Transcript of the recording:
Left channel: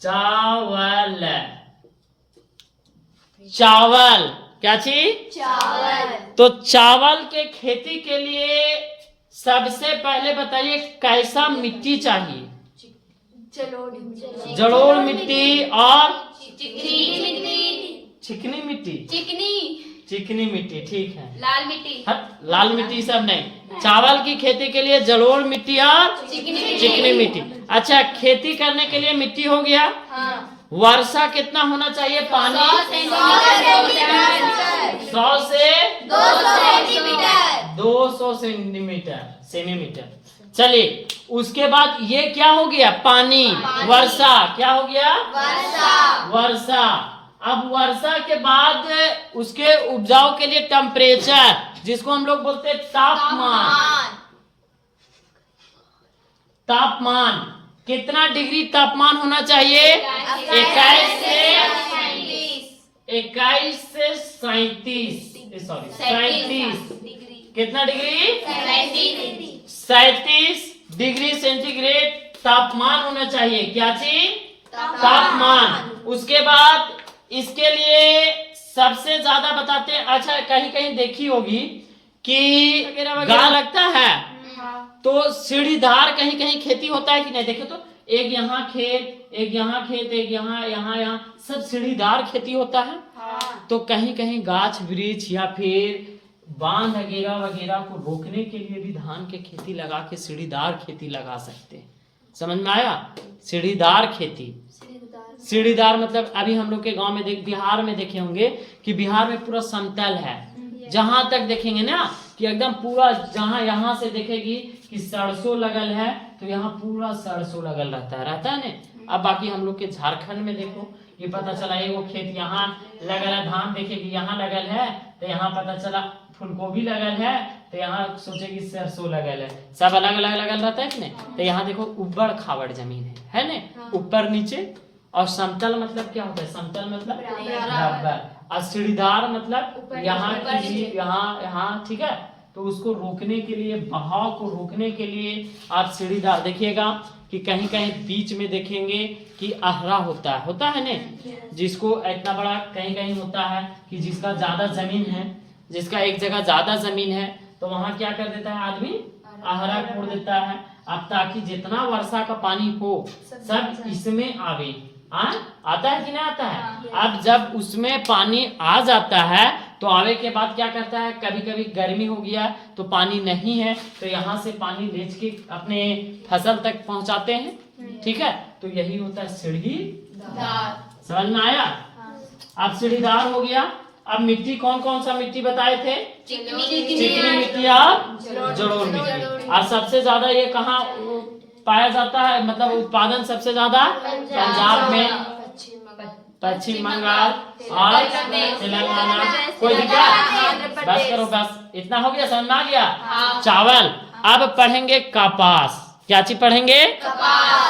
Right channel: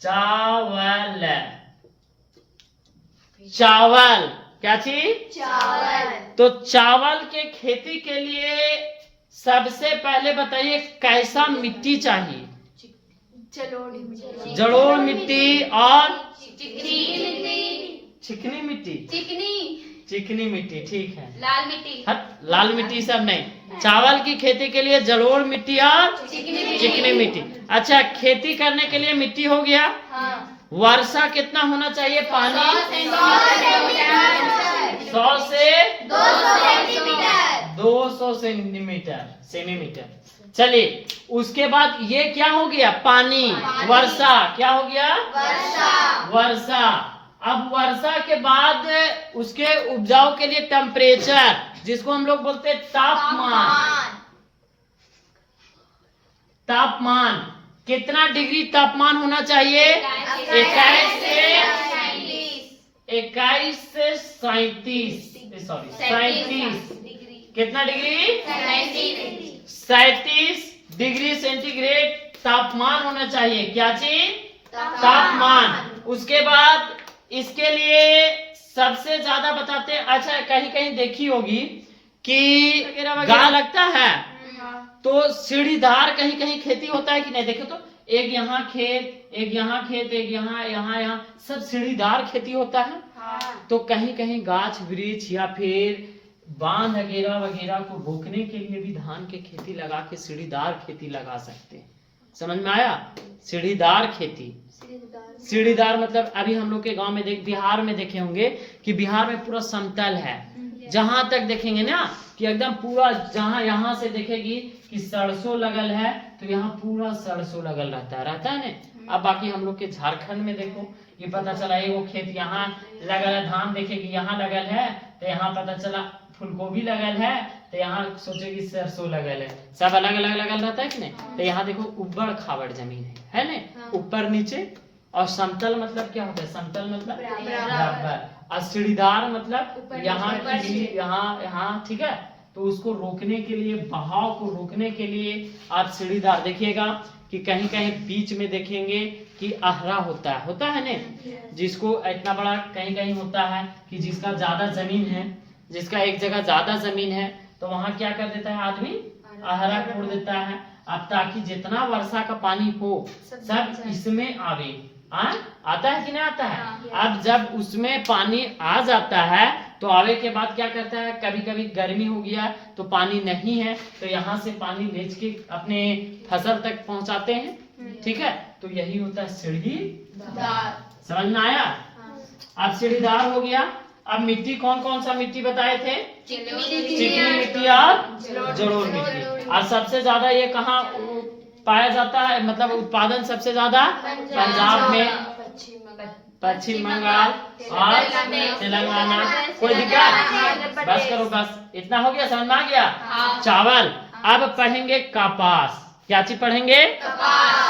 चावल, चावल क्या चीज? चावल। तो चावल के खेती के लिए सबसे पहले बताइए कैसा मिट्टी चाहिए? जलोढ़ मिट्टी और चिकनी मिट्टी। चिकनी मिट्टी, ठीक है। लाल मिट्टी। लाल मिट्टी सब नहीं। चावल की खेती के लिए जलोढ़ मिट्टी और चिकनी मिट्टी। अच्छा, खेती करने के लिए मिट्टी हो गया। हाँ। वर्षा कितना होना चाहिए? पानी 100 से 200 सेंटीमीटर। चलिए, उसके बाद ये क्या हो गया? पानी। वर्षा क्या हो गया? वर्षा। अब वर्षा के बाद उसके उपजाऊ के लिए टेम्परेचर, जिसको हम लोग बोलते हैं तापमान। तापमान कितना डिग्री तापमान होना चाहिए? 21 से 37 कितना डिग्री? 37 डिग्री सेंटीग्रेड तापमान होना चाहिए। क्या चीज? तापमान। उसके बाद इसके लिए सबसे ज्यादा बताते हैं। अच्छा, कहीं कहीं देखी होगी कि वगैरह लगता है तो सीढ़ीदार कहीं कहीं खेती होता है कि नहीं? देखो तो, एक यहाँ खेत, एक यहाँ खेत, एक यहाँ सब सीढ़ीदार खेती होता है। तो कहीं कहीं गाछ वृक्ष या फिर बांध वगैरह को रोकने के लिए भी धान के खेती लगा के सीढ़ीदार खेती लगा सकते हैं। समझ में आया? सीढ़ीदार खेती। सीढ़ीदार मतलब अभी हम लोग के गांव में बिहार में देखे होंगे कि बिहार में पूरा समतल है। जहां तक देखेंगे ना कि एकदम पूरा, जहां यहाँ से देखेगी कि सरसों लगल है तो यहाँ पूरा सरसों लगल रहता है ना। अब बाकी हम लोग के झारखंड में देखो, ये पता चला वो खेत यहाँ लगल है, धान देखेगी यहाँ लगल है तो यहाँ पता चला फूलगोभी लगल है तो यहाँ सोचेगी सरसों लगल है। सब अलग अलग लगल रहता है कि नहीं? तो यहाँ देखो उबड़ खाबड़ जमीन है ना, ऊपर नीचे। और समतल मतलब क्या होता है? समतल मतलब बराबर। और सीढ़ीदार मतलब यहाँ, ठीक है। तो उसको रोकने के लिए, बहाव को रोकने के लिए आप सीढ़ीदार देखिएगा कि कहीं कहीं बीच में देखेंगे कि आहरा होता है ना, जिसको इतना बड़ा कहीं कहीं होता है कि जिसका ज्यादा जमीन है, जिसका एक जगह ज्यादा जमीन है तो वहां क्या कर देता है आदमी? आहरा खोद देता है। अब ताकि जितना वर्षा का पानी हो सब इसमें आवे। आता है कि नहीं आता है? अब जब उसमें पानी आ जाता है तो आवे के बाद क्या करता है? कभी कभी गर्मी हो गया तो पानी नहीं है तो यहाँ से पानी लेच के अपने फसल तक पहुँचाते हैं। ठीक है, तो यही होता है सीढ़ीदार। समझ में आया? अब सीढ़ीदार हो गया। अब मिट्टी कौन कौन सा मिट्टी बताए थे? चिकनी मिट्टी और जलोढ़ मिट्टी। और सबसे ज्यादा ये कहाँ पाया जाता है? मतलब उत्पादन सबसे ज्यादा पंजाब में, पश्चिम बंगाल और तेलंगाना। कोई दिक्कत? बस करो, बस इतना हो गया, समझ में आ गया? चावल। अब पढ़ेंगे कपास। क्या चीज पढ़ेंगे? कपास।